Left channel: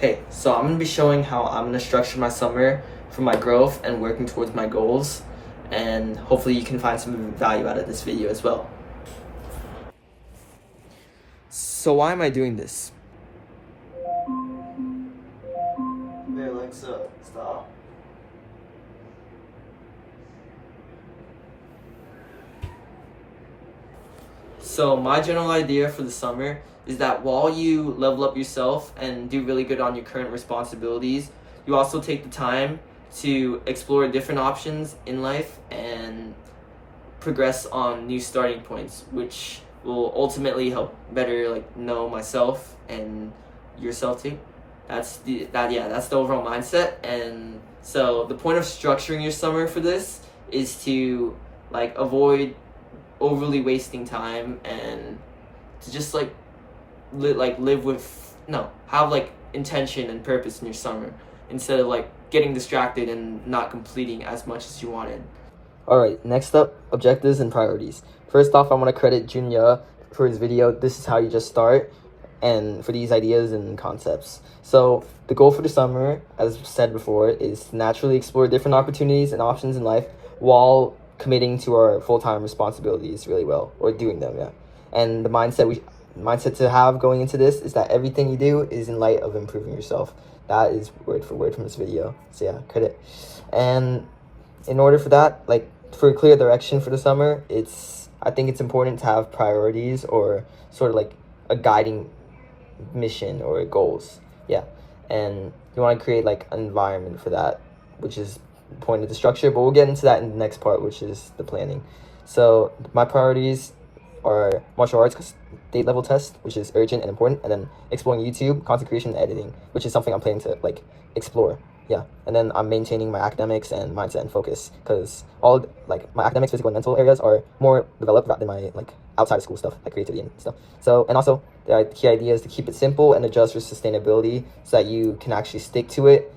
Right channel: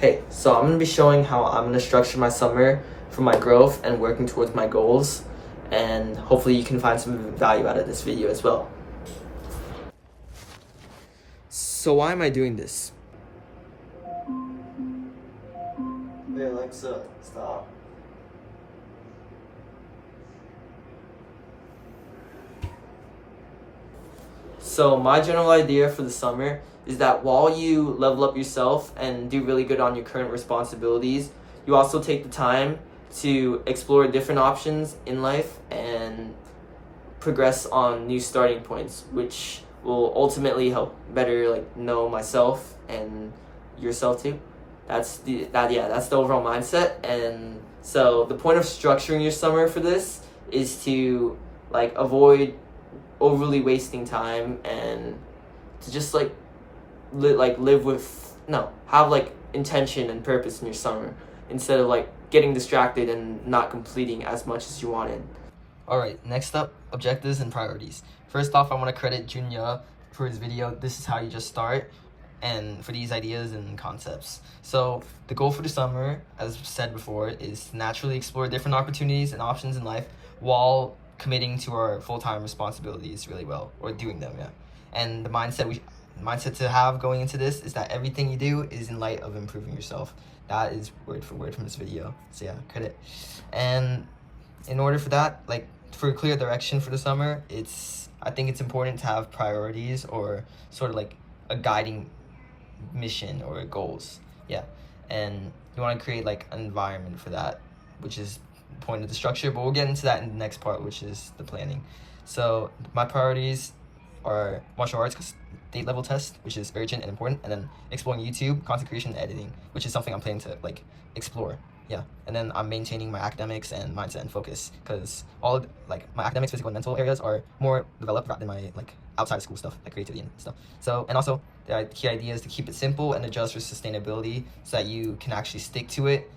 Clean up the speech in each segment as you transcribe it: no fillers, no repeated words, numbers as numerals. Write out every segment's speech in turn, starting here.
Hey, so I'm going to be showing how I'm going to structure my summer for my growth and working towards my goals, and hopefully you can find some value out of this video as well. So why am I doing this? Hey Alexa, stop. So my general idea for the summer is that while you level up yourself and do really good on your current responsibilities, you also take the time to explore different options in life and progress on new starting points, which will ultimately help better know myself and yourself too. That's the overall mindset. And so the point of structuring your summer for this is to avoid overly wasting time and to just live with have intention and purpose in your summer instead of getting distracted and not completing as much as you wanted. Alright, next up, objectives and priorities. First off, I want to credit Junya for his video, This is How You Just Start, and for these ideas and concepts. So the goal for the summer, as said before, is to naturally explore different opportunities and options in life while committing to our full-time responsibilities really well, or doing them, yeah. And the mindset to have going into this is that everything you do is in light of improving yourself. That is word for word from this video. So yeah, credit. And in order for that, for a clear direction for the summer, I think it's important to have priorities or sort of a guiding mission or goals. Yeah. And you want to create an environment for that, which is the point of the structure, but we'll get into that in the next part, which is the planning. So my priorities are martial arts state level test, which is urgent and important, and then exploring YouTube, content creation, and editing, which is something I'm planning to explore. Yeah. And then I'm maintaining my academics and mindset and focus, because all my academics, physical, and mental areas are more developed rather than my outside of school stuff, like creativity and stuff. So, and also the key idea is to keep it simple and adjust for sustainability so that you can actually stick to it.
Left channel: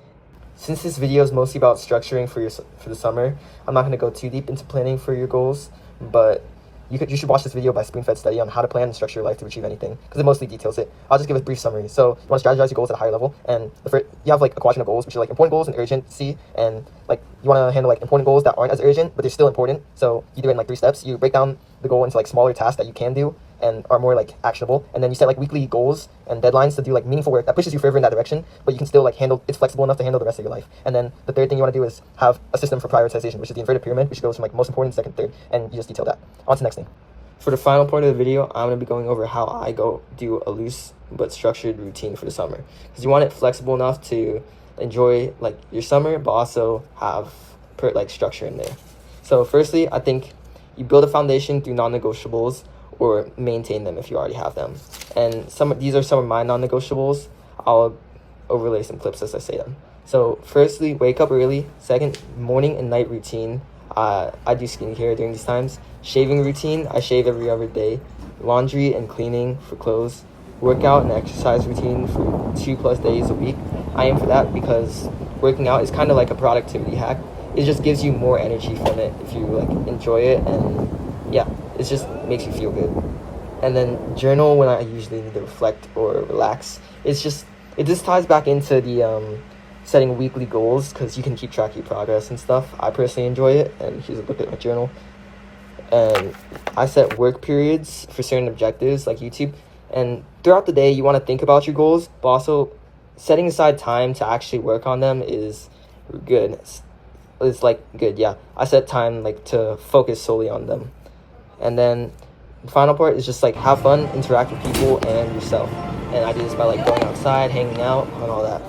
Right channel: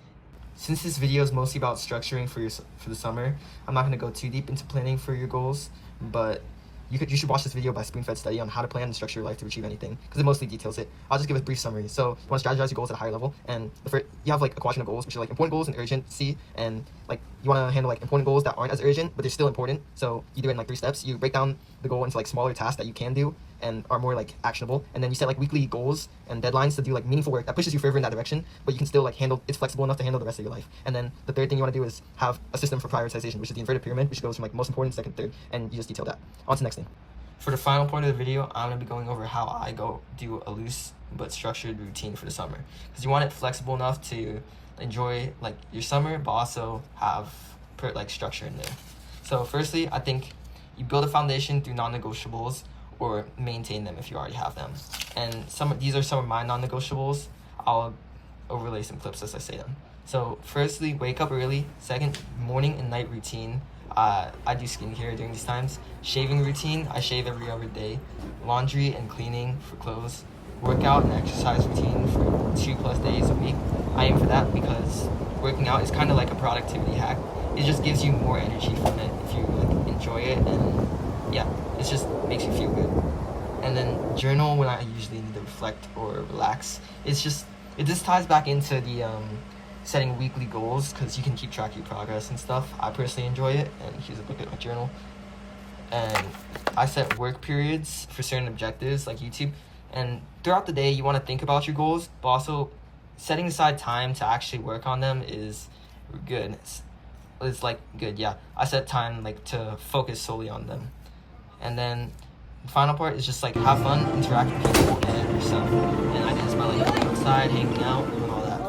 Since this video is mostly about structuring for the summer, I'm not going to go too deep into planning for your goals, but you should watch this video by SpoonFedStudy on how to plan and structure your life to achieve anything, because it mostly details it. I'll just give a brief summary. So you want to strategize your goals at a higher level, and you have a quadrant of goals, which are important goals and urgency, and you want to handle important goals that aren't as urgent but they're still important. So you do it in 3 steps. You break down the goal into smaller tasks that you can do and are more actionable, and then you set weekly goals and deadlines to do meaningful work that pushes you further in that direction, but you can still it's flexible enough to handle the rest of your life. And then the third thing you want to do is have a system for prioritization, which is the inverted pyramid, which goes from most important, second, third, and you just detail that. On to the next thing. For the final part of the video, I'm going to be going over how I do a loose but structured routine for the summer, because you want it flexible enough to enjoy your summer but also have structure in there. So firstly, I think you build a foundation through non-negotiables, or maintain them if you already have them. And these are some of my non-negotiables. I'll overlay some clips as I say them. So firstly, wake up early. Second, morning and night routine. I do skincare during these times. Shaving routine, I shave every other day. Laundry and cleaning for clothes. Workout and exercise routine for 2+ days a week. I aim for that because working out is kind of like a productivity hack. It just gives you more energy from it if you enjoy it, and yeah, it just makes you feel good. And then journal when I usually need to reflect or relax. This ties back into the setting weekly goals, because you can keep track of your progress and stuff. I personally enjoy it and use a look at my journal. And I set work periods for certain objectives like YouTube. And throughout the day, you want to think about your goals, but also setting aside time to actually work on them is good. It's good, yeah. I set time to focus solely on them. And then the final part is just have fun, interact with people and yourself. And I do this by going outside, hanging out, and all that.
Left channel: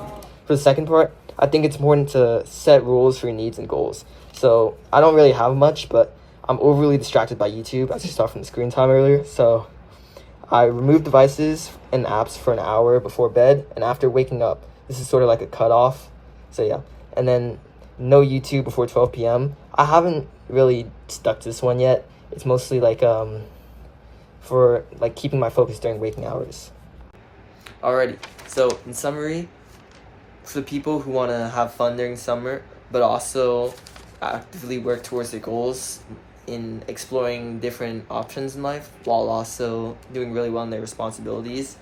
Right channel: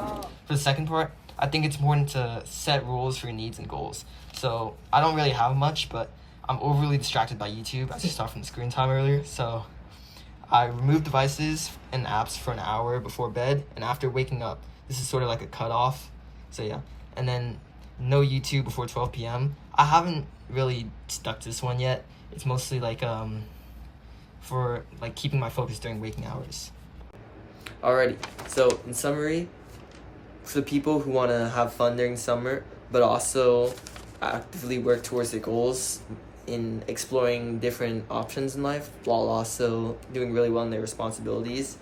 For the second part, I think it's important to set rules for your needs and goals. So I don't really have much, but I'm overly distracted by YouTube, as you saw from the screen time earlier. So I remove devices and apps for an hour before bed and after waking up. This is sort of a cutoff. So yeah. And then no YouTube before 12 p.m. I haven't really stuck to this one yet. It's mostly for keeping my focus during waking hours. Alrighty, so in summary, for the people who want to have fun during summer but also actively work towards their goals in exploring different options in life while also doing really well in their responsibilities,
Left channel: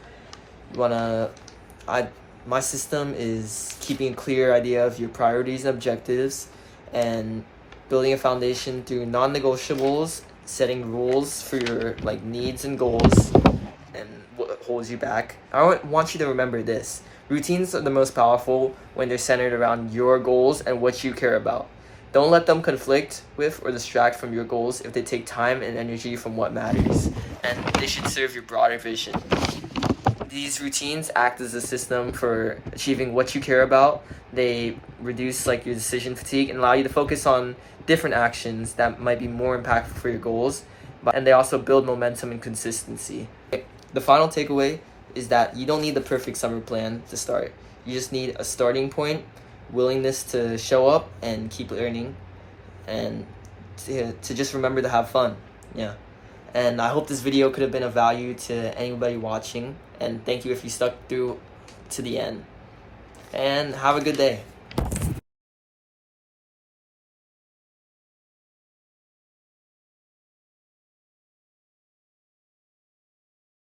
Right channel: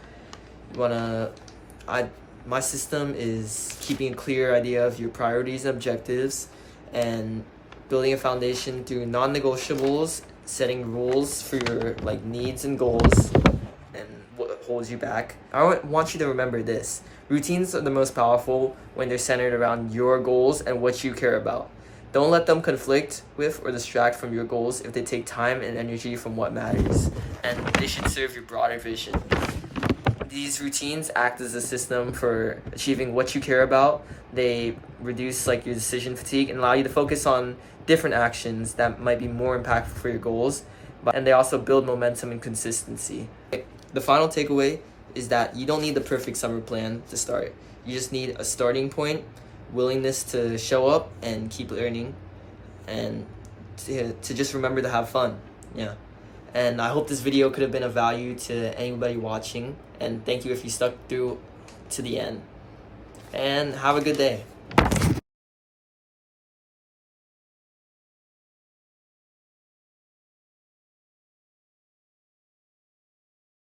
my system is keeping a clear idea of your priorities and objectives, and building a foundation through non-negotiables, setting rules for your like needs and goals, and what holds you back. I want you to remember this. Routines are the most powerful when they're centered around your goals and what you care about. Don't let them conflict with or distract from your goals if they take time and energy from what matters, and they should serve your broader vision. These routines act as a system for achieving what you care about. They reduce like your decision fatigue and allow you to focus on different actions that might be more impactful for your goals, and they also build momentum and consistency. The final takeaway is that you don't need the perfect summer plan to start. You just need a starting point, willingness to show up and keep learning, and to just remember to have fun. Yeah. And I hope this video could have been of value to anybody watching, and thank you if you stuck through to the end. And have a good day.